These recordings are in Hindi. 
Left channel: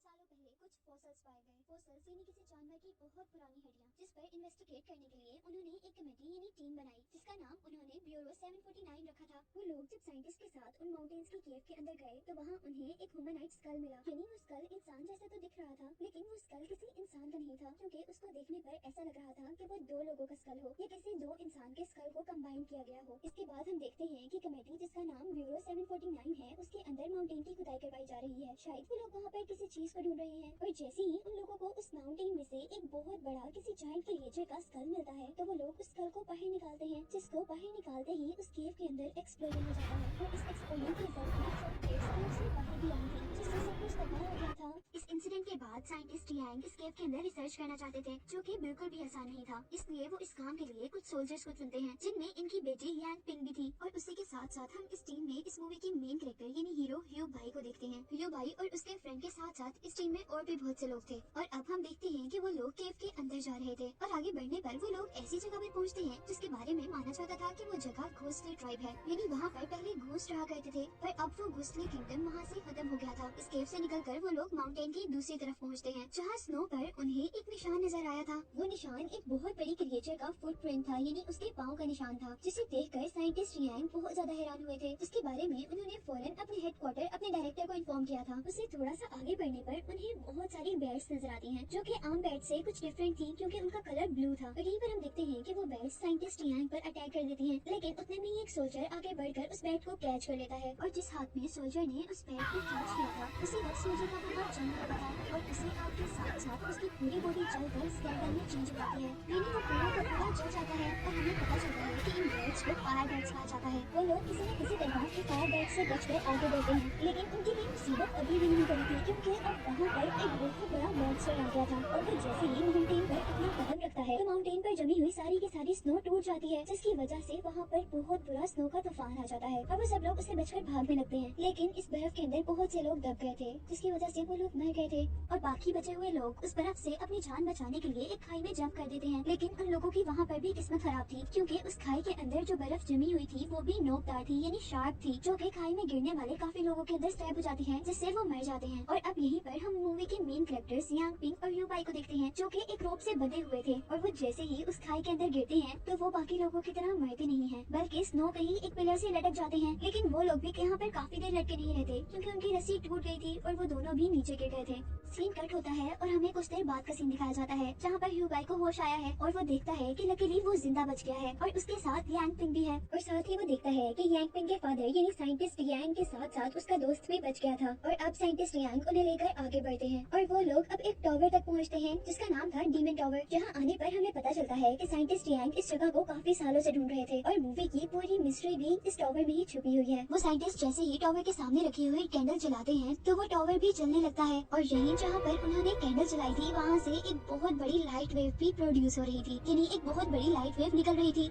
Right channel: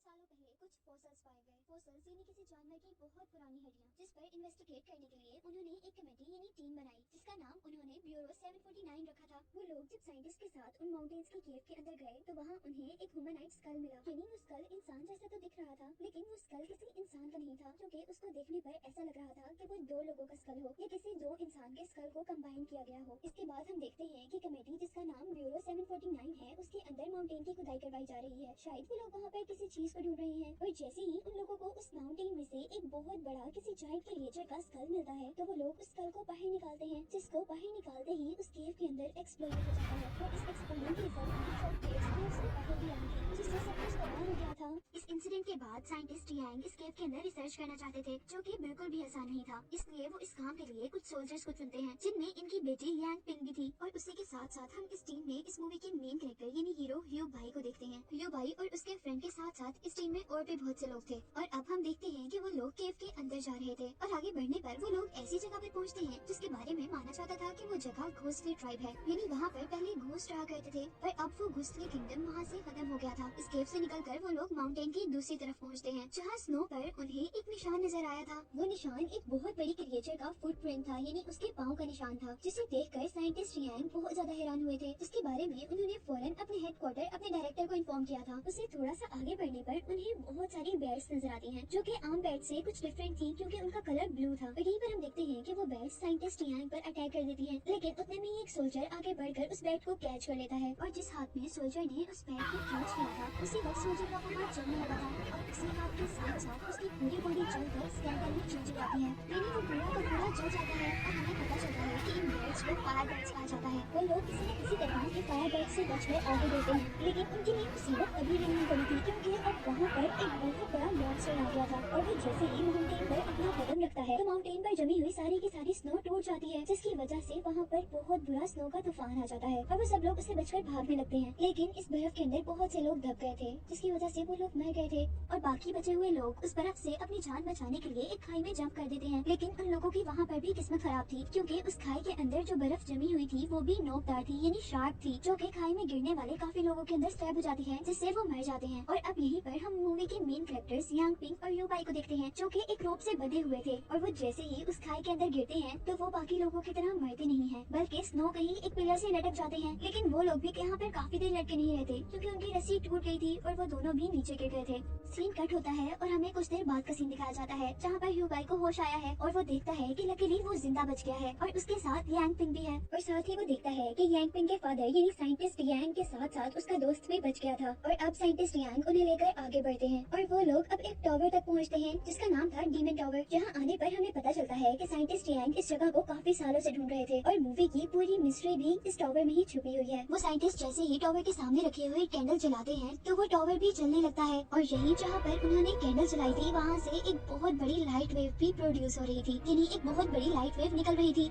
सालों पहले कुछ फॉसिल्स पाए गए। फॉसिल्स यानी किसी जानवर की बहुत पुरानी हड्डियां, जिस पर इन्वेस्टिगेट करने के लिए उन्होंने एक कमेटी यानी टीम बनाई, जिसका नाम उन्होंने ब्यूरो 749 रखा था। वो लोग जब साइंटिस्ट के साथ उन माउंटेन्स की केव के अंदर गए तो वहाँ उन्हें एक ह्यूमनाइड स्कल मिला। यानी वो स्कल इंसान जैसा तो दिख रहा था, लेकिन वो स्कल किसी इंसान का नहीं था, क्योंकि उसको देखने पर ऐसा लग रहा था कि वो दो लोगों का स्कल हो या किसी दो इंसान के स्कल को कंबाइन किया गया हो। इसके बाद हम देखते हैं कि कमेटी, जिसका नाम ब्यूरो 749 है, उसके अंदर माउंटेन की खुदाई करवाई जा रही है। शायद वो लोग वहाँ पर किसी चीज को ढूंढ रहे हैं, और जैसे ही उन लोगों को उस माउंटेन में से एक बहुत बड़ा किसी जायंट क्रिएचर का स्कल मिलता है, तो वो लोग उस स्कल को बाहर निकालते हैं, जिसको बाहर निकालते ही उस केव के अंदर एक्सप्लोजन हो जाता है। और इस एक्सप्लोजन के रिजल्ट में फॉस्फेट्स केव से बाहर भी आ रही थी, जिससे सब कुछ तबाह हो गया था। इस इंसिडेंट के बाद साइंटिस्ट यांग इस केव के अंदर रिसर्च करना चाहते थे, जो कि बिल्कुल भी आसान नहीं था। इसलिए वो इस काम के लिए कुछ सोल्जर्स को चुनते हैं, जिनमें इनकी बेटी यांग पिंग भी थी। और उसी के साथ साथ हम इस टीम में इस मूवी के मेन कैरेक्टर यानी हीरो ह्यूग भाई को देखते हैं। ह्यूग भाई और उसके फ्रेंड के साथ साथ इस टीम में और भी बहुत से लोग थे। और अब हम देखते हैं कि वो लोग केव के अंदर जा रहे थे, और आगे बढ़ने पर वो लोग ऐसी जगह पर पहुंचते हैं जिसके बारे में माना जाता था कि वो जगह घोस्टली ट्राइब है, यानी वहाँ पर पहले घोस्ट रहा करते थे, पर अब वो घोस्टली किंगडम वहाँ से खत्म हो गया था। इस केव से निकलकर वो लोग माउंटेन की दूसरी तरफ पहुँचते हैं, जहाँ स्नो पर उन्हें एक निशान नजर आया था। वो निशान एक बहुत बड़ी क्रिएचर का फुटप्रिंट था, यानी उसके पाँव का निशान था, जिसे देखकर साइंटिस्ट यांग बहुत ज्यादा हैरान हुए थे। उसके बारे में उन्होंने फौरन अपने हेडक्वार्टर अपने डायरेक्टर को इन्फॉर्म किया था। उससे थोड़ा सा आगे बढ़ने पर उन्हें बहुत सारी बैट्स नजर आती हैं, जो कि आम बैट से कुछ डिफरेंट थी, क्योंकि उनका कलर ब्लू था। और यहीं पर हम देखते हैं कि वो बैट्स साइंटिस्ट यांग पर अटैक कर देती हैं, लेकिन उतने में ही एक सोल्जर आगे बढ़कर उस बैट को कैच कर लेता है, और जिस हाथ में सोल्जर ने उस बैट को कैच किया था, उसी वक्त सोल्जर का वो हाथ जलने लगा था, और उसी हाथ के साथ साथ उसकी पूरी बॉडी जलकर स्केलेटन में चेंज हो जाती है, यानी वो पूरा का पूरा जल जाता है। और हमें पता चलता है कि इन बैट्स को फायर बैट्स कहा जाता है। वो लोग किसी न किसी तरह फायर बैट से बचकर आगे बढ़ते हैं, लेकिन उनके लिए मुसीबत अभी भी नहीं पड़ी थी, क्योंकि अब वहाँ पर एक बहुत बड़ा मॉन्स्टर आ गया था। और वो जैसे ही माउंटेन पर अपना कदम रखता है, तो माउंटेन पर जमी हुई सारी की सारी स्नो टूट जाती है, जिसकी वजह से वहाँ पर बहुत बुरा स्नो का तूफान आ जाता है, और वो सब लोग उससे बचकर भागने लगते हैं। लेकिन इस बर्फ के अंदर बहुत से लोग दब गए थे, जिसकी वजह से वो लोग मर गए थे, और बाकी बचे हुए लोग उस बर्फ से अपनी जान बचाने के लिए एक खाई में जंप कर देते हैं। लेकिन उन लोगों की वहाँ पर भी किस्मत खराब थी, क्योंकि उस खाई के अंदर जो बर्फ जमी हुई थी वो भी नोकदार थी, यानी शार्प थी, जो कि खाई में गिरने वाले काफी लोगों के अंदर स्टैब हो जाती है, जिससे वो मर जाते हैं। और अब यहीं पर हम मूवी के मेन कैरेक्टर्स यांग पिंग और ह्यूग भाई को देखते हैं, जो कि एक रोप से बंधे हुए थे, और वो जैसे ही उस खाई के अंदर गिरते हैं तो वो बाकी लोगों की तरह मरते नहीं हैं, बल्कि स्नो पे ही एक पिलर से लटक जाते हैं। लेकिन वो लोग भी यहाँ पर काफी देर लटके नहीं रहते, क्योंकि उनकी रस्सी टूट गई थी और वो दोनों भी नीचे गिर गए थे। सीन कट होता है और हमें कुछ देर बाद का सीन दिखाया जाता है, जहाँ पर ह्यूग भाई को होश आया है, और वो देखता है कि लकीली वो जिंदा बच गया है, और उसके साथ यांग पिंग भी है। और साथ ही वो देखता है कि यांग पिंग के फादर यानी साइंटिस्ट यांग के साथ साथ उसका दोस्त भी बच गया था। और अब साइंटिस्ट यांग उन्हें लेकर आगे बढ़ते हैं, और वो लोग अब एक टावर तक पहुँचते हैं, जिसका नाम था डीमन टावर। जहाँ आने पर हमें पता चलता है कि साइंटिस्ट यांग इस जगह को काफी सालों से ढूंढ रहे थे, और मूवी की पूरी मिस्ट्री भी इस टावर में ही छुपी हुई है। वो साइंटिस्ट जैसे ही टावर के सामने रखी हुई कैंडल जलाते हैं, तो वो टावर भी जलने लगता है, और यही जहाँ पर उन्होंने कैंडल जलाई थी, वहाँ से एक बहुत बड़ी लाइट वेव भी प्रोड्यूस हो रही थी, यानी एक बहुत बड़ी लाइट वेव निकल रही थी।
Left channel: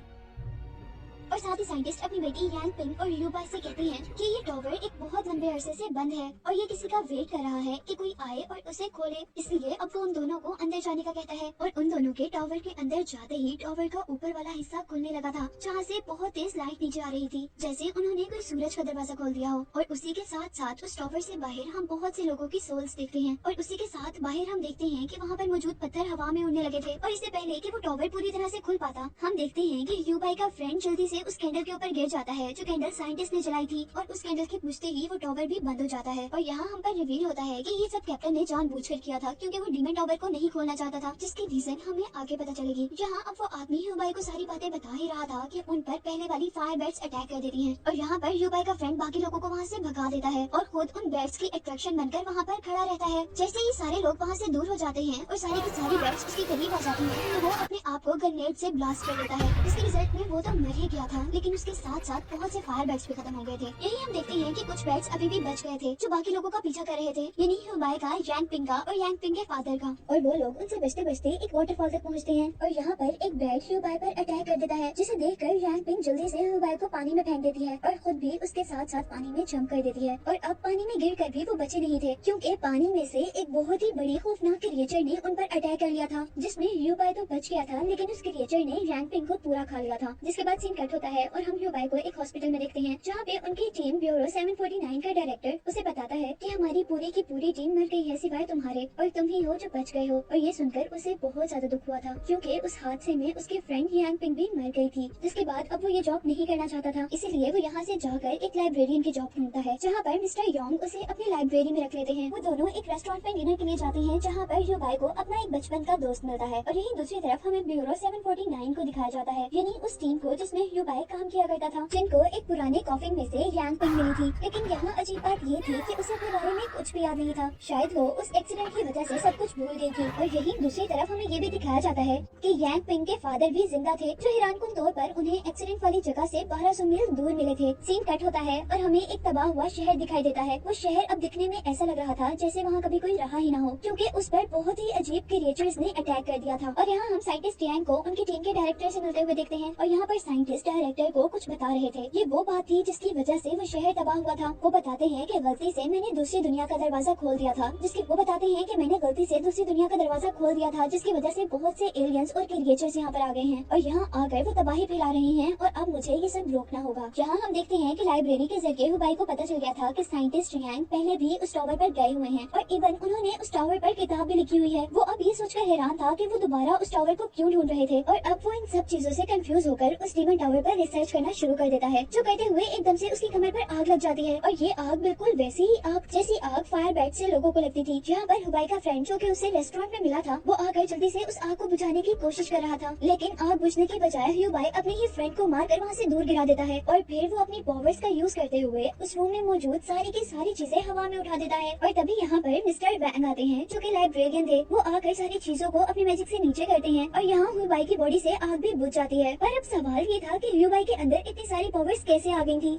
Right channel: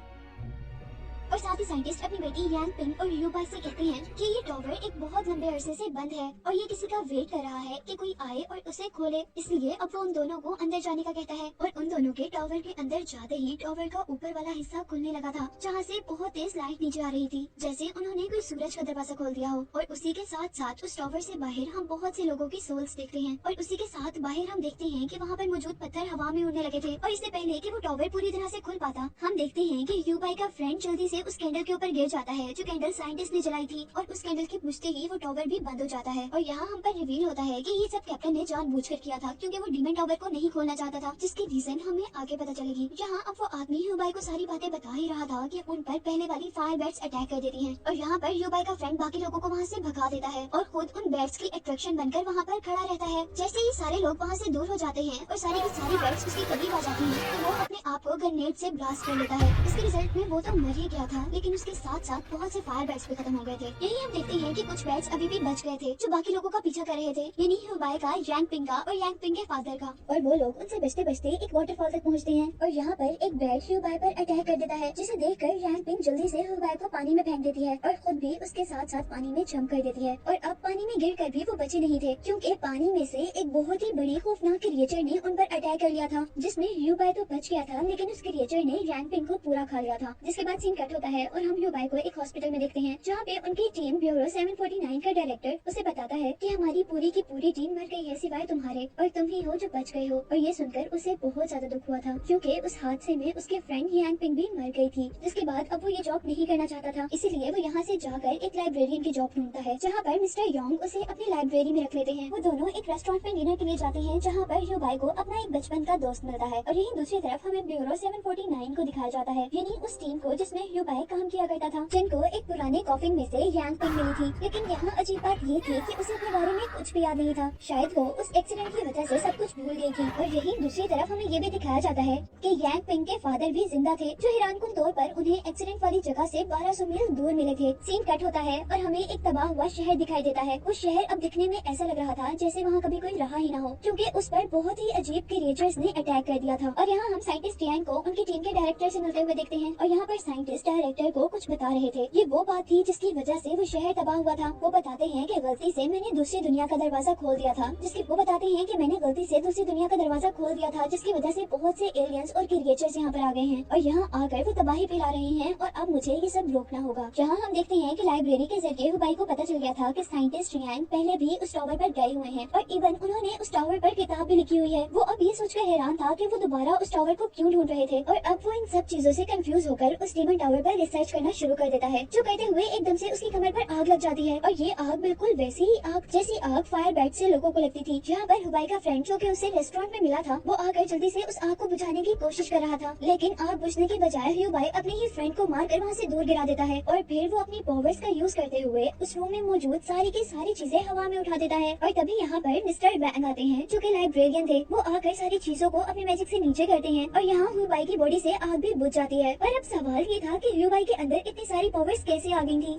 और साथ ही साइंटिस्ट अपनी बेटी यांग पिंग और ह्यूग भाई से कहते हैं कि ये टावर एक बहुत लंबे अरसे से बंद है, और ये किसी का वेट कर रहा है कि कोई आए और उसे खोले। इसलिए अब वो उन दोनों को अंदर जाने का कहता है, और उन दोनों के टावर के अंदर जाते ही टावर का ऊपर वाला हिस्सा खुलने लगा था, जहाँ से बहुत तेज लाइट नीचे आ रही थी, जैसे उन्होंने कोई सूरज का दरवाजा खोल दिया हो। और उसी के साथ साथ उस टावर से बाहर हम बहुत से लोगों की सोल्स देखते हैं, और उसी के साथ बाहर हम देखते हैं कि वहाँ पर मौजूद पत्थर हवा में उड़ने लगे थे। और इससे पहले कि वो टावर पूरी तरह से खुल पाता, हम देखते हैं कि ह्यूग भाई का फ्रेंड जल्दी से उस कैंडल के ऊपर गिर जाता है, जो कैंडल साइंटिस्ट ने जलाई थी, और उस कैंडल के बुझते ही वो टावर भी बंद हो जाता है। और यहाँ हम पर रिवील होता है कि ये सब कैप्टन ने जानबूझकर किया था, क्योंकि वो डीमन टावर को नहीं खोलना चाहता था, जिसकी रीजन हमें आगे पता चलेगी। यहाँ अब वो आदमी ह्यूग भाई को सारी बातें बता ही रहा था कि उन पर पहले वाली फायर बैट्स अटैक कर देती हैं, और यहाँ पर ह्यूग भाई का फ्रेंड बाकी लोगों को वहाँ से भगा देता है, और खुद उन बैट्स की अट्रैक्शन बनकर वहाँ पर खड़ा रहता है। जैसे ही सारे लोग वहाँ से दूर हो जाते हैं और सारी की सारी बैट्स उसके करीब आ जाती हैं, तो वो अपने आप को ग्रेनेड से ब्लास्ट कर लेता है। इसके रिजल्ट में वो तो मर ही गया था, लेकिन उसके साथ साथ बहुत से फायर बैट्स भी खत्म हो गए थे। यही हम देखते हैं कि कुछ बैट्स अभी भी बच गए थे, जो बाकी लोगों का पीछा कर रहे थे, यानी ह्यूग भाई का, यांग पिंग का और यांग पिंग के फादर का। और वो लोग उनसे बचते बचते एक वाटरफॉल तक पहुँचते हैं, और यहाँ पर एक बैट ह्यूग भाई पर अटैक कर देता है, जिसे देखकर यांग पिंग जल्दी से ह्यूग भाई को पानी में फेंक देती है, और खुद भी उसके साथ साथ पानी में जंप कर देती है। और अब पानी में गिरकर भी वो बचे नहीं थे, क्योंकि पानी में से एक बहुत ही बड़ी खौफनाक क्रिएचर ने उन पर अटैक कर लिया था, जिसमें ह्यूग भाई तो बच गया था, लेकिन उस क्रिएचर ने यांग पिंग को पूरा खा लिया था। जिसके बाद सीन कट होता है और हम ह्यूग भाई को एक हॉस्पिटल में देखते हैं, जहाँ पे उनकी टीम ब्यूरो 749 टीम का डायरेक्टर उसे बताता है कि हमारी पूरी की पूरी टीम मर गई है सिवाय तुम्हारे, और तुम ही हो जो बच गए हो। और ये सुनकर उसे बहुत ज्यादा दुख हुआ था, क्योंकि उस हादसे में उसके फ्रेंड यांग पिंग भी मर गई थी, जिसके बाद अब वो ये जॉब नहीं करना चाहता था। इसीलिए वो यहाँ से जाकर एक लाइब्रेरियन की जॉब ढूंढता है, जहाँ पर मिस्टर योंग उसे अपनी लाइब्रेरी में रख लेते हैं। वो दोनों एक रेस्टोरेंट में डिनर के लिए जाते हैं, जहाँ पर ह्यूबाई को अपना एक बचपन का दोस्त मिलता है। और यहीं दूसरी तरफ हमें ब्यूरो 749 को दिखाया जाता है, यानी उस टीम को जिसमें ह्यूबाई काम किया करता था, जिनको एक पुराने कॉफिन में से यांग पिंग मिली थी। लेकिन यहाँ अजीब बात ये थी कि उसे अपने बारे में कुछ भी याद नहीं था। शायद वो उस एक्सीडेंट की वजह से सब कुछ भूल गई थी। और यहीं दूसरी तरफ हमें ये भी दिखाया जाता है कि यांग पिंग के फादर भी जिंदा थे, जो हैरानकुन तौर पर उन्हें एक्सीडेंट वाली जगह से 1200 मील दूर मिले थे। सीन कट होता है और हमें एक तबाह हुआ शहर दिखाई देता है। वो शहर अब दिखने में ऐसा लग रहा था जैसे वहाँ कभी कोई रहा ही ना हो, क्योंकि उस पर बहुत ही अजीब क्रिएचर्स ने अटैक कर दिया था। और यहाँ हम साइंटिस्ट यांग को उनकी टीम के डायरेक्टर से मिलते हुए देखते हैं, और यहाँ पर साइंटिस्ट डायरेक्टर को कुछ बता रहे थे। ये वो बात थी जिसकी वजह से वो शहर तबाह हुआ था। वो बताते हैं कि गलती से मैंने दूसरी दुनिया का दरवाजा खोल दिया था, वो बताते हैं कि मैंने गलती से दूसरी दुनिया का दरवाजा खोल दिया था, जिसकी वजह से बहुत से एलियंस और क्रिएचर्स यहाँ पर आ गए हैं, और यहाँ आकर वो तबाही फैला रहे हैं, और अब मुझे ये सब रोकना होगा। जहाँ हम देखते हैं कि लाइब्रेरी के जरिए हुबाई को पता चल गया था कि साइंटिस्ट यांग पहले भी उस टावर पर गए हुए हैं, और इवन उन्होंने उस टावर पर किताब भी लिखी हुई है। वो अब ये सोचकर हैरान था कि वो दोबारा उस टावर को क्यों ढूंढ रहे थे, और अब वो इन सब चीजों से कंफ्यूज होकर उस टीमन टावर पर रिसर्च करना शुरू कर देता है। जो करते हुए एकदम से उसकी कमर पर आग लग जाती है, और ये आग बिल्कुल वैसी ही आग जैसी आग फायर बैट से लोगों को लगती थी। जहाँ पर हुबाई का फ्रेंड जो कि उसे रेस्टोरेंट में मिला था, वो आकर जल्दी से उस आग को बुझाने की कोशिश कर रहा था, लेकिन आग बुझने के बजाय हुबाई अपने ही फ्रेंड को मारकर वहाँ से दूर गिरा देता है, और फिर वो अपनी पावर्स का यूज करते हुए उस रूम में मौजूद सारी की सारी चीजें हवा में उठा देता है। और तभी यहाँ पर मिस्टर वैंग आते हैं, जो कि लाइब्रेरियन थे। वो आकर सारी चीजों को अपने मैजिक से नीचे करते हैं, और यहाँ हुबाई की बॉडी से आग भी बुझ जाती है। पर अब सवाल ये था कि हुबाई के अंदर इतनी सारी पावर्स कैसे आ गई थी।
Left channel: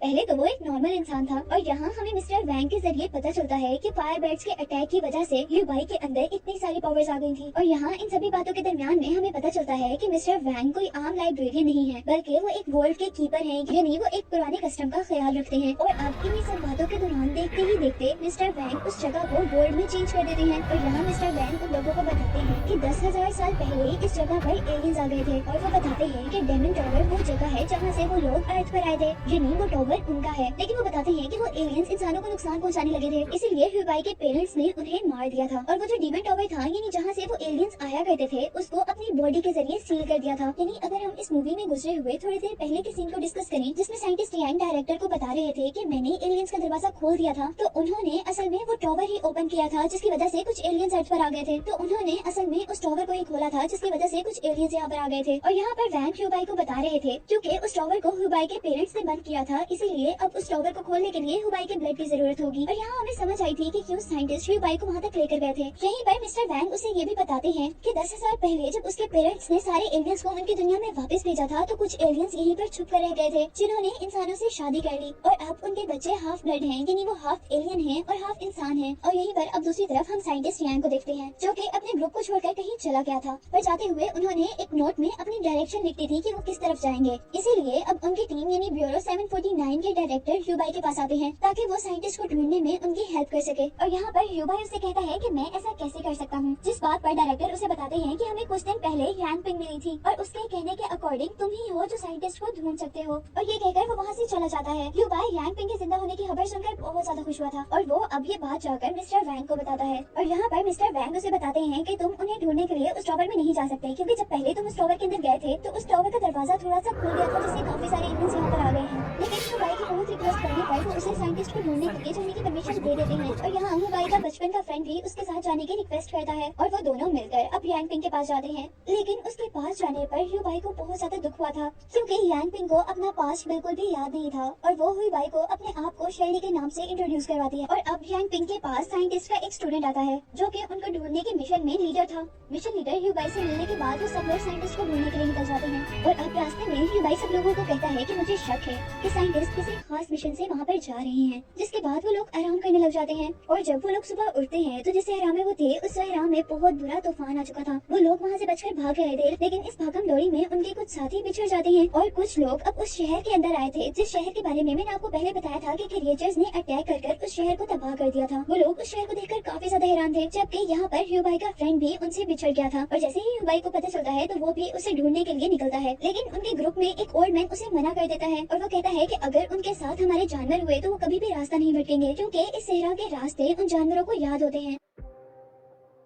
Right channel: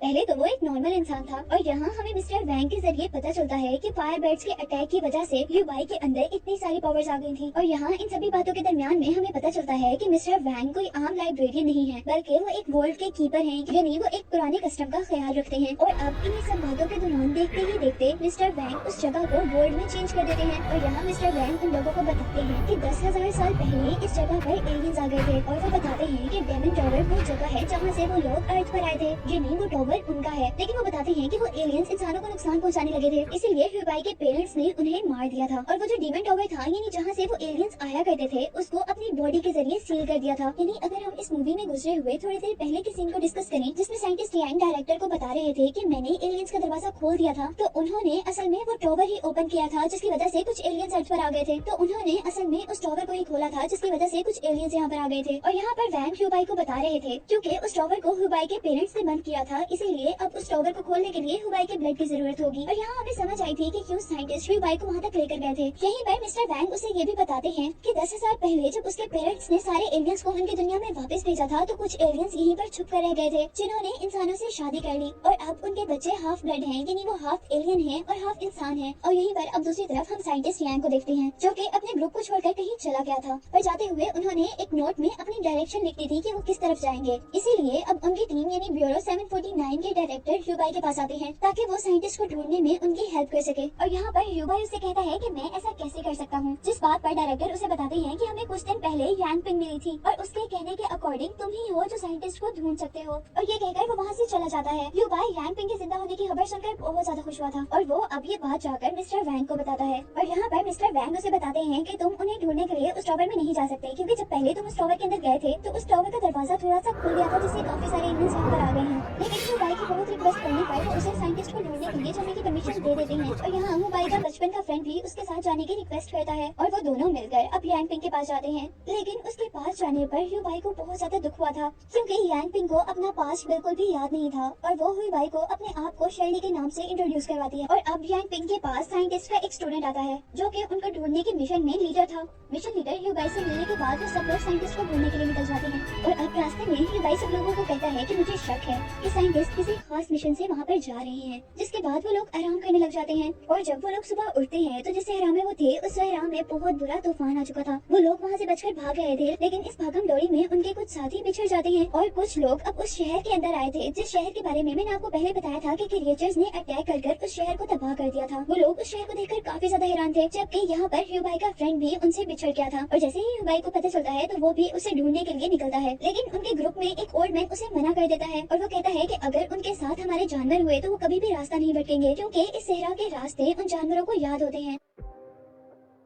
पहले तो वो एक नॉर्मल इंसान था, और यहाँ हमें मिस्टर वैंग के जरिए पता चलता है कि फायर बर्ड्स के अटैक की वजह से ह्यूबाई के अंदर इतनी सारी पावर्स आ गई थी। और यहाँ इन सभी बातों के दरमियान में हमें पता चलता है कि मिस्टर वैंग कोई आम लाइब्रेरियन नहीं है, बल्कि वो एक वर्ल्ड के कीपर हैं, यानी वो एक पुराने कस्टम का ख्याल रखते हैं। और अब इन सब बातों के दौरान देखते ही देखते मिस्टर वैंग उस जगह को वर्ल्ड में चेंज कर देते हैं। और यहाँ मिस्टर वैंग उन लोगों को बताते हैं कि 10,000 साल पहले इस जगह पर एलियंस आ गए थे, और वो बताते हैं कि डेमन टावर वो जगह है जहाँ से वो लोग अर्थ पर आए थे, यानी वो टावर उनका है। लेकिन वो बताते हैं कि वो एलियंस इंसानों को नुकसान पहुंचाने लगे थे, इसीलिए ह्यूबाई के पेरेंट्स ने उन्हें मार दिया था। और वो जो डीमन टावर था, यानी जहाँ से वो एलियंस आया करते थे, उसको अपनी बॉडी के जरिए सील कर दिया था। यानी अगर हम इस मूवी में गुजरे हुए थोड़ी देर पहले के सीन को डिस्कस करें, जिसमें साइंटिस्ट यांग डायरेक्टर को बता रहे थे कि मैंने एलियंस का दरवाजा खोल दिया था, तो उन्होंने असल में वो टावर ही ओपन किया था, जिसकी वजह से कुछ एलियंस अर्थ पर आ गए थे। तो उन्होंने असल में उस टावर को ही खोला था, जिसकी वजह से कुछ एलियंस यहाँ पर आ गए थे। और यहाँ पर वैंग ह्यूबाई को बता रहे थे, क्योंकि उस टावर को ह्यूबाई के पेरेंट्स ने बंद किया था, इसीलिए अब उस टावर को खोलने के लिए ह्यूबाई के ब्लड की जरूरत होगी। और यहाँ हमें समझ आई थी कि क्यों साइंटिस्ट ह्यूबाई को वहाँ तक लेकर गए थे। यहीं पर मिस्टर वैंग उसे ये भी बताते हैं कि 10,000 पहले जब उसके पेरेंट्स ने सारे एलियंस को उनकी दुनिया में वापस भेजा था, तो कुछ एलियंस यहीं पर छुप कर रह गए थे, जिन्होंने इंसानों से शादी कर ली, और अब उनके बच्चे हाफ ब्लड हैं, यानी वो हाफ एलियन हैं और हाफ इंसान हैं। और यहीं पर अब दूसरी तरफ हम साइंटिस्ट यांग को देखते हैं, जो कि अपने ग्रुप को छोड़कर कहीं चला गया था, पर जाते हुए उन्होंने एक नोट में अपनी डायरेक्शन लिख दी थी कि वो किस तरफ जाएंगे। इसीलिए अब उनकी टीम यानी ब्यूरो 749 के डायरेक्टर ह्यूबाई के पास आते हैं, ताकि वो साइंटिस्ट को ढूंढने में उनकी हेल्प कर सके। और यहाँ पर ह्यूबाई उसे कहता है कि मैं ऐसा कैसे कर सकता हूँ, जिस बात पर डायरेक्टर उसे बताते हैं कि हमें कुछ दिन पहले यांग पिंग मिली थी, और उसके कहने के अकॉर्डिंग तुम ही हो जो साइंटिस्ट को ढूंढ सकते हो। और ये कहकर वो वहाँ से चला जाता है। ह्यूबाई यांग पिंग के जिंदा होने की खबर सुनकर बहुत ज्यादा खुश हुआ था, और वो अब ये बात जाकर मिस्टर वैंग को बताता है। और यहाँ पर मिस्टर वैंग उसे बताते हैं कि तुम उन्हें ढूंढने के लिए उस टावर में नहीं जा सकते, क्योंकि जब पहले तुम उस टावर के अंदर गए थे, तो उस टावर का दरवाजा थोड़ा सा खुल गया था, जिससे काफी सारे एलियंस यहाँ पर आ गए हैं। लेकिन ह्यूबाई की बहुत रिक्वेस्ट करने पर वो उसे साइंटिस्ट को ढूंढने के लिए जाने की परमिशन दे देते हैं। और यहाँ ह्यूबाई का बचपन का फ्रेंड भी उसके साथ जाने की रिक्वेस्ट करता है, और वो दोनों मिलकर अब यांग पिंग के पास जाते हैं। लेकिन उसके पास जाने पर ह्यूबाई को बहुत ज्यादा दुख हुआ था, क्योंकि यांग पिंग को अपना पास्ट बिल्कुल भी याद नहीं था, और वो ह्यूबाई को अपने आप को शेली के नाम से इंट्रोड्यूस करवाती है। और अब यांग पिंग के पास साइंटिस्ट का एक स्टूडेंट आता है, जो कि उनको ढूंढने के मिशन में लीडर था। मिशन लीडर ह्यूबाई से मिलने के बाद वो सब लोग साइंटिस्ट को ढूंढने के लिए निकल जाते हैं। और अब रास्ते में ह्यूबाई सब लोगों को कहता है कि मुझे शक है कि साइंटिस्ट किसी खास मिशन से वहाँ पर जा रहे हैं, जिसके बाद वो लोग आराम करने लग जाते हैं। और जब वो लोग सुबह उठते हैं, तो जिस सहरा में वो थे, उस सहरा में बहुत बुरा तूफान आ चुका था। वो लोग वहाँ से बचकर भाग रहे थे, लेकिन इस भागम दौड़ी में उनके कुछ साथी बिछड़ जाते हैं, और कुछ लोग अब उस शहर के अंदर आए थे, जिस शहर के बारे में मैंने आपको पहले बताया था कि क्रिएचर्स ने अटैक कर उस शहर को तबाह कर दिया था। वो लोग उस शहर को देखकर काफी ज्यादा हैरान थे, जबकि यहाँ पर ह्यूबाई का फ्रेंड भी उनसे बिछड़ गया था। और जैसे ही ह्यूबाई को पता चलता है, तो वो भी उसे ढूंढने के लिए निकलता है। लेकिन उनके ग्रुप में एक ओल्ड मैन उसे मना कर देता है, और वो कहता है कि अगर उनके साथ हमारे जानवर हुए तो वो कभी भी रास्ता नहीं भटकेंगे, क्योंकि इस सहरा के रास्ते उन जानवरों को याद होते हैं।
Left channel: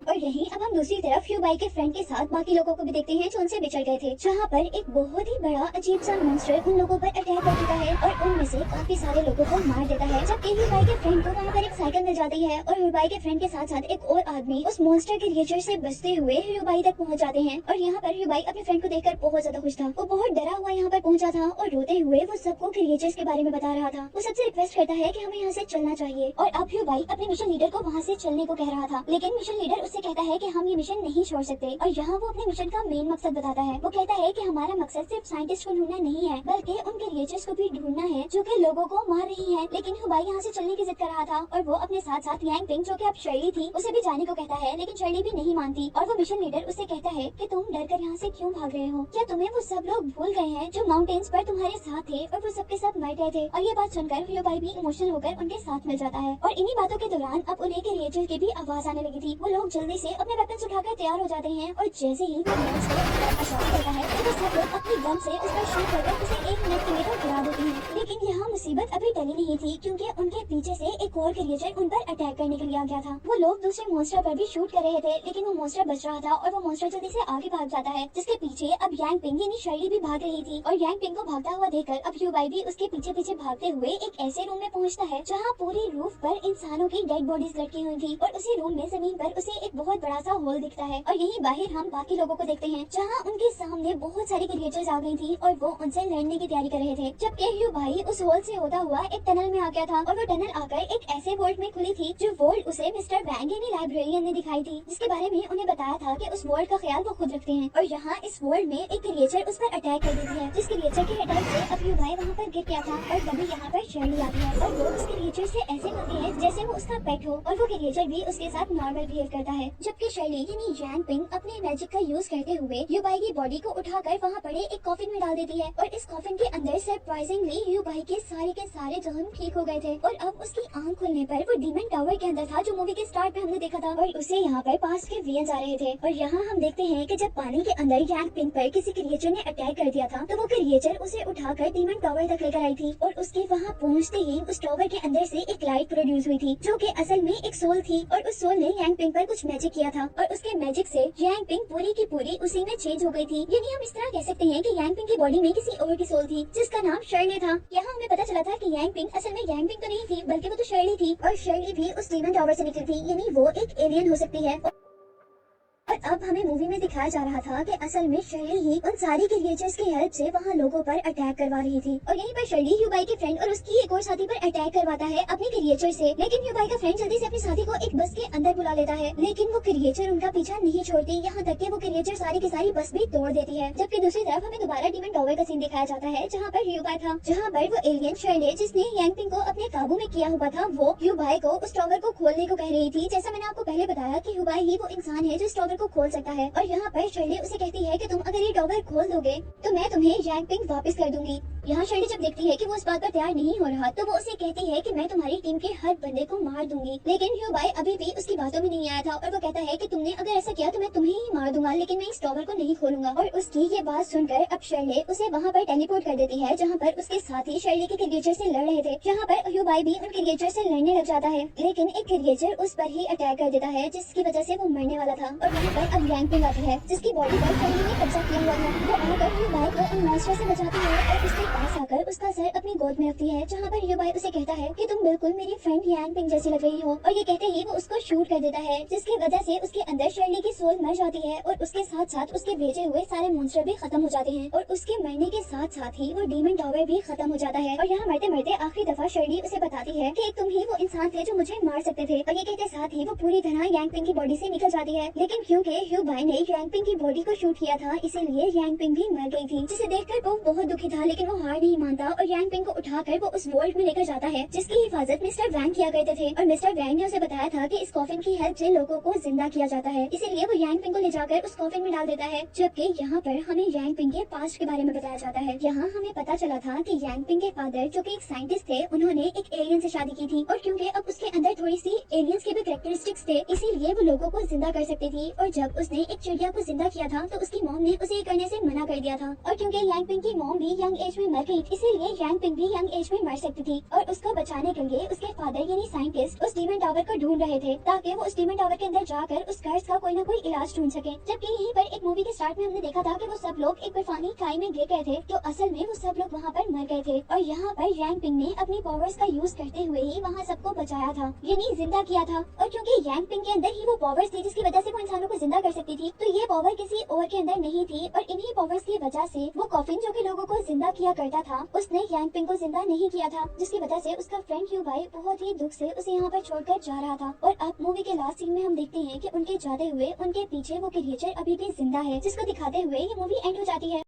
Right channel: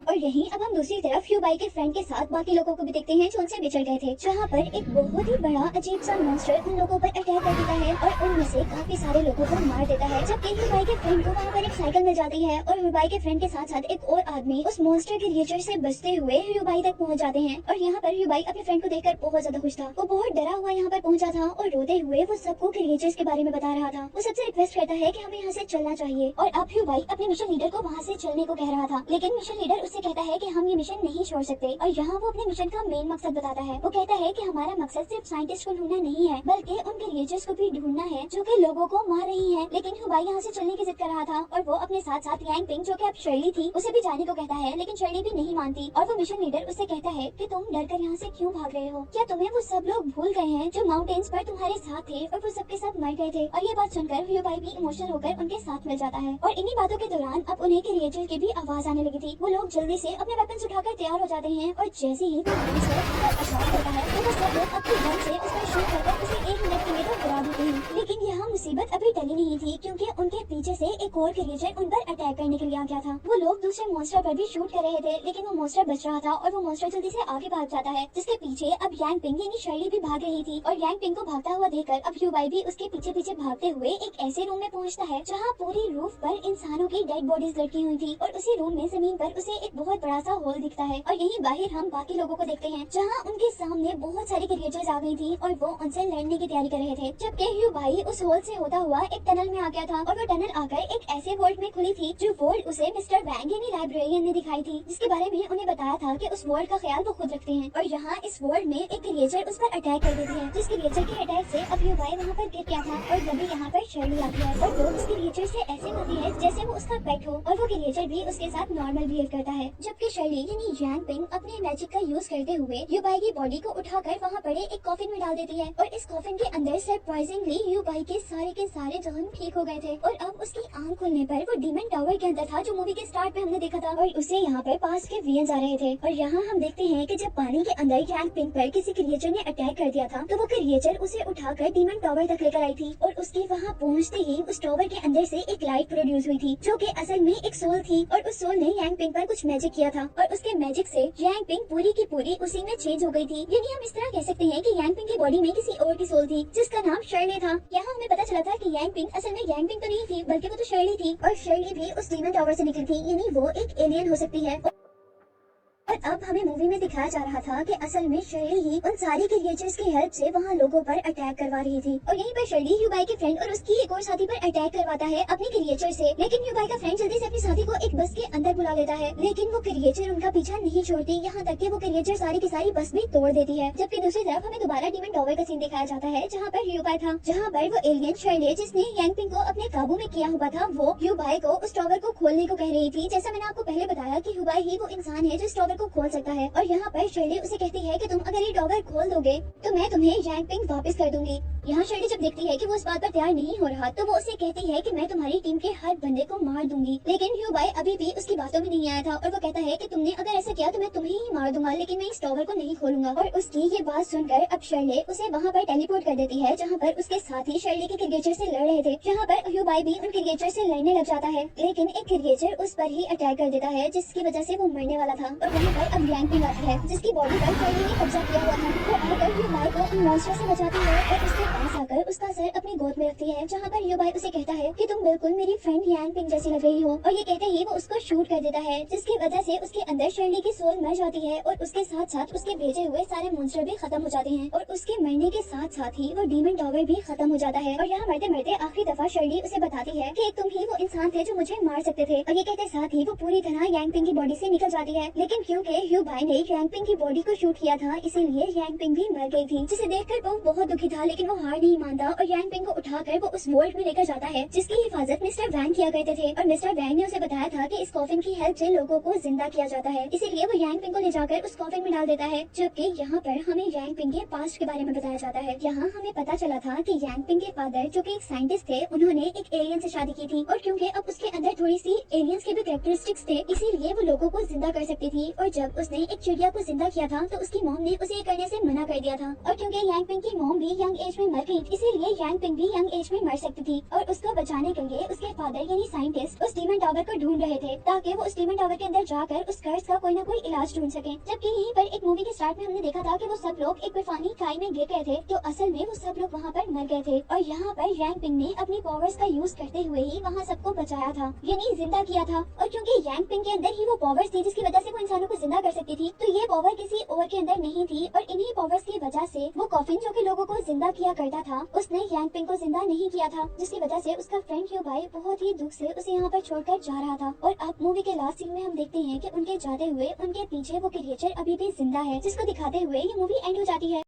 और यहीं अब हम दूसरी तरफ ह्यूबाई के फ्रेंड के साथ बाकी लोगों को भी देखते हैं जो उनसे बिछड़ गए थे, जहाँ पर एक बहुत ही बड़ा अजीब सा मॉन्स्टर उन लोगों पर अटैक कर देता है और उनमें से काफी सारे लोगों को मार देता है। जबकि ह्यूबाई के फ्रेंड को वहाँ पर एक साइकिल मिल जाती है और ह्यूबाई के फ्रेंड के साथ साथ एक और आदमी उस मॉन्स्टर के क्रिएचर से बचते हुए ह्यूबाई तक पहुँच जाते हैं। और यहाँ पर ह्यूबाई अपने फ्रेंड को देखकर बहुत ज्यादा खुश था। वो बहुत डरा हुआ यहाँ पर पहुंचा था और रोते हुए वो सबको क्रिएचर्स के बारे में बता रहा था। वो सबसे रिक्वेस्ट करता है कि हमें यहाँ से चलना चाहिए और अब ह्यूबाई अपने मिशन लीडर को वहाँ से चलने को कह रहा था, लेकिन मिशन लीडर उससे कहता है कि हम मिशन नहीं छोड़ सकते। और यहाँ वो अपने मिशन का मेन मकसद बताता है। वो कहता है कि हमारा मकसद सिर्फ साइंटिस्ट को ढूंढना नहीं है, बल्कि उन क्रिएचर्स को भी ढूंढना है जो कि लोगों को मार रही है। लेकिन ह्यूबाई यहाँ से चलने की जिद कर रहा था और वो अपने साथ साथ यांग पिंग जो कि अब शर्ली थी उसे भी जाने को कहता है, लेकिन शर्ली भी नहीं मानती। और वो मिशन लीडर उससे कहता है कि तुम डरकर यहाँ से क्यों भाग रहे हो? क्या तुम्हें वो सब लोग भूल गए हैं जो माउंटेन्स पर तुम्हारे साथ थे और वो सबके सब मर गए थे? और ये बात सुनकर ह्यूबाई भी इमोशनल होकर उनके साथ मिल जाता है। और इन्हीं बातों के दौरान अब उन्हें क्रिएचर की भी आवाज आने लगी थी। वो लोग जल्दी से अपने वेपन्स उठाकर तैयार हो जाते हैं और जैसे ही वो मॉन्स्टर अटैक होता है तो वो सब लोग अपने गन से उस पर शूट करके उसे 1 मिनट के लिए तो उड़ा देते हैं। लेकिन यहाँ मुसीबत अभी टली नहीं थी, क्योंकि उनके पीछे से एक और क्रिएचर उन पर अटैक करने के लिए आ गया था। वो लोग दूसरे मॉन्स्टर पर भी शूट कर रहे थे, लेकिन वो मॉन्स्टर बच रहा था और वो मॉन्स्टर जल्दी से आगे भाग जाता है, जिसके पीछे अब यांग पिंग यानी शर्ली भी भाग रही थी। और यांग पिंग को भागता हुआ देखकर अब ह्यूबाई भी उसके पीछे पीछे भागते हुए एक ऐसे रूम में पहुँचता है जहाँ पूरी रूफ पर इंसानों की डेड बॉडीज लटकी हुई थी और उसी रूम में जमीन पर उसे एक बहुत बड़ा सा होल दिखता है। और यही बाहर हम बाकी लोगों को देखते हैं जहाँ उनके सामने बहुत सारी क्रिएचर्स आ गई थी और वो उनसे लड़ने की तैयारी कर रहे थे। जबकि ह्यूबाई उस होल से होता हुआ एक टनल में आ गया था और वो टनल आकर एक ऐसे वर्ल्ड में खुली थी जो वर्ल्ड उसे मिस्टर वैंग यानी लाइब्रेरियन ने दिखाई थी, जिसके बारे में उन्हें बताया था कि उस वर्ल्ड का ख्याल वो खुद रखते हैं। और यहाँ इस वर्ल्ड में एक क्रिएचर उस पर अटैक कर देती है, जिस क्रिएचर के अटैक से अब ह्यूबाई वहाँ पर गिर गया था। और तभी यहाँ पर शर्ली आती है और वो उस क्रिएचर से ऐसे होती है जैसे वो उसका पेट हो और वो क्रिएचर भी उसके साथ नॉर्मल बिहेव करता है। जबकि शर्ली यानी यांग पिंग अपने मैजिक का यूज करते हुए ह्यूबाई की बॉडी को उठाकर वहाँ पड़े एक कॉफिन में डाल देती है और इस कॉफिन के अंदर सरप्राइजिंगली ह्यूबाई के सारे जख्म ठीक हो गए थे। और अब उसकी आंख खुलने पर वो डीमन टावर के अंदर था जो मूवी के स्टार्ट में हमने देखा था और उससे यहाँ पर पास के वियंस आ रहे थे। और यहाँ हम देखते हैं कि जब पानी के अंदर यांग पिंग पर किसी क्रिएचर ने अटैक कर दिया था तो वो क्रिएचर उसे उठाकर डीमन टावर तक लेकर आई थी और उसके वहाँ पहुँचते ही उस टावर के अंदर से एक लाइट प्रोड्यूस हुई थी जो कि असल में एक सोल थी और उस सोल ने यांग पिंग पर कुछ मैजिक किया था और उसके मैजिक से यांग पिंग पूरी की पूरी उसी में चेंज हो गई थी। यानी हम इस तरह कह सकते हैं कि यांग पिंग की बॉडी में किसी और की सोल थी जिसका नाम शर्ली था। यहाँ हमें पता चला था कि यांग पिंग असल में यांग पिंग तो नहीं थी बल्कि वो तो शर्ली थी और शर्ली भी उस डीमन टावर से निकली थी, यानी वो एक एलियन हो सकती है। और अब हमें मूवी में दिखाया जा रहा था कि असल में शर्ली ही उन सारी क्रिएचर्स की हेल्प से वहाँ लोगों पर अटैक करवा रही थी। और यहीं पर शर्ली ह्यूबाई के फ्रेंड और उसकी एक और साथी पर अटैक करवाता है अपने क्रिएचर से। लेकिन ह्यूबाई का फ्रेंड जल्दी से अपने साथी को एक बस के अंदर बुला लेता है, लेकिन वो क्रिएचर उनका पीछा नहीं छोड़ती, यहाँ तक कि वो क्रिएचर सारी की सारी बस भी तोड़ देती है। जबकि दूसरी तरफ हमें दोबारा डीमन टावर का सीन दिखाया जाता है जहाँ पर ह्यूबाई था, जहाँ पर वो एलियन शर्ली जिसने यांग पिंग को अपने काबू में किया हुआ था वो ह्यूबाई को उस टावर को खोलने को कह रही थी। जैसा मैंने आपको पहले बताया कि ह्यूबाई ही वो इंसान है जो इस टावर को खोल सकता है। और यहाँ पर शर्ली उसे कहती है कि तुम अगर ये टावर खोल दोगे तो मैं तुम्हें यांग पिंग वापस कर दूंगी। यहाँ शर्ली जब देखती है कि वो इस बात पर तैयार नहीं हो रहा तो वो उसे कहती है कि मैं तुम्हारी टीम के हर बंदे को मार दूंगी। लेकिन ह्यूबाई अभी भी उसकी बातों में नहीं आया था और वो कहता है कि तुमने अगर ऐसा किया तो मैं तुम्हें ही मार दूंगा, लेकिन मैं इस टावर को नहीं खोलूंगा। और उसकी ये बात सुनकर अब शर्ली उसे वहाँ पर टेलीपोर्ट कर देती है जहाँ पर उसके साथी शर्ली के क्रिएचर से लड़ रहे थे, जहाँ पर ह्यूबाई भी उन क्रिएचर से लड़ने लग जाता है। लेकिन एक क्रिएचर उस पर ही अटैक कर देता है जिसकी वजह से वो मरने वाला था। और वहाँ पर अब यांग पिंग आती है जिसकी बॉडी पर शर्ली ने कब्जा किया हुआ था। वो आकर ह्यूबाई को इन मॉन्स्टर से बचाती है और उसके पास आकर उसका सर अपनी गोद में रखती है, जहाँ पर ह्यूबाई उसे कहता है कि तुम बिल्कुल मेरी फ्रेंड यांग पिंग जैसी लग रही हो। और ये कहते ही वो उसको शूट कर देता है जिसकी वजह से उसके अंदर शर्ली की सोल मर जाती है और उसके साथ साथ उसके भेजे हुए सारे मॉन्स्टर भी खत्म हो जाते हैं और उसके मरने के साथ साथ ही वो डीमन टावर भी खत्म हो जाता है। और यहाँ मरते मरते आखिरी दफा शर्ली उसे बताती है कि तुम ही वो इंसान थे जो मुझे मार सकते थे। और ये कहते साथ ही वो पूरी तरह यांग पिंग की बॉडी से निकल जाती है। लेकिन क्योंकि ह्यूबाई ने यांग पिंग की बॉडी को शूट किया था इसीलिए यांग पिंग भी मर गई थी, जिसे देखकर वो बहुत दुखी था। लेकिन वो हार नहीं मानता और यांग पिंग को उठाकर वो उस वर्ल्ड में लेकर जाता है जिसकी हिफाजत मिस्टर वैंग किया करते थे। और मिस्टर वैंग ने उसे बताया था कि इस कॉफिन की हेल्प से लोगों को जिंदा किया जाता है, इसीलिए वो यांग पिंग को ले जाकर उस कॉफिन में डाल देता है। जबकि यहाँ पर हमें यांग पिंग के पास्ट के बारे में बताया जाता है। यहाँ हमें पता चला था कि यांग पिंग के फादर जो कि एक साइंटिस्ट थे उन्होंने एक एलियन से शादी की थी और क्योंकि अब उसके अंदर थोड़ी सी एलियंस के भी कैरेक्टरिस्टिक्स थे इसीलिए वो लोगों को जिंदा कर सकती थी। और जब उसने एक चिड़िया को जिंदा किया था तो उसकी मॉम ने उसे ये करने से मना कर दिया था। और क्योंकि यांग पिंग की मॉम भी यंग एज में मर गई, इसीलिए यांग पिंग भी यंग एज में मर सकती थी। और उसको बचाने के लिए उसके फादर यानी साइंटिस्ट उस डीमन टावर को ढूंढ रहे थे ताकि वो उस डीमन टावर के अंदर जाकर उस कर्स का कोई ना कोई इलाज ढूंढ सके। जबकि यहीं पर एक मूवी के स्टार्ट में हमने देखा था कि वो सब लोग एक बर्फानी खाई में गिर गए थे, तो असल में वो सब लोग वहाँ पर मर गए थे। और यहाँ पर यांग पिंग ने अपनी पावर्स का यूज करते हुए ही वहाँ सबको बचाया था, यानी जिंदा किया था। और क्योंकि यांग पिंग के अंदर ही वो पावर्स थी जिसकी वजह से वो इंसानों को जिंदा कर सकती थी, तो ये पावर किसी और के अंदर नहीं थी। और इन्हीं पावर्स की वजह से वो कॉफिन जो कि लोगों को जिंदा किया करता था, उसने यांग पिंग को जिंदा नहीं किया था, जिसकी वजह से उसका फ्रेंड क्यू बाई बहुत ही दुख से उसे यहाँ पर छोड़कर जा रहा था। और अब मूवी के लास्ट सीन में हम देखते हैं कि उनके जाते हुए उनके पीछे वो क्रिएचर अभी भी जिंदा है, जिसको दिखाते हुए ये मूवी एंड हो जाती है।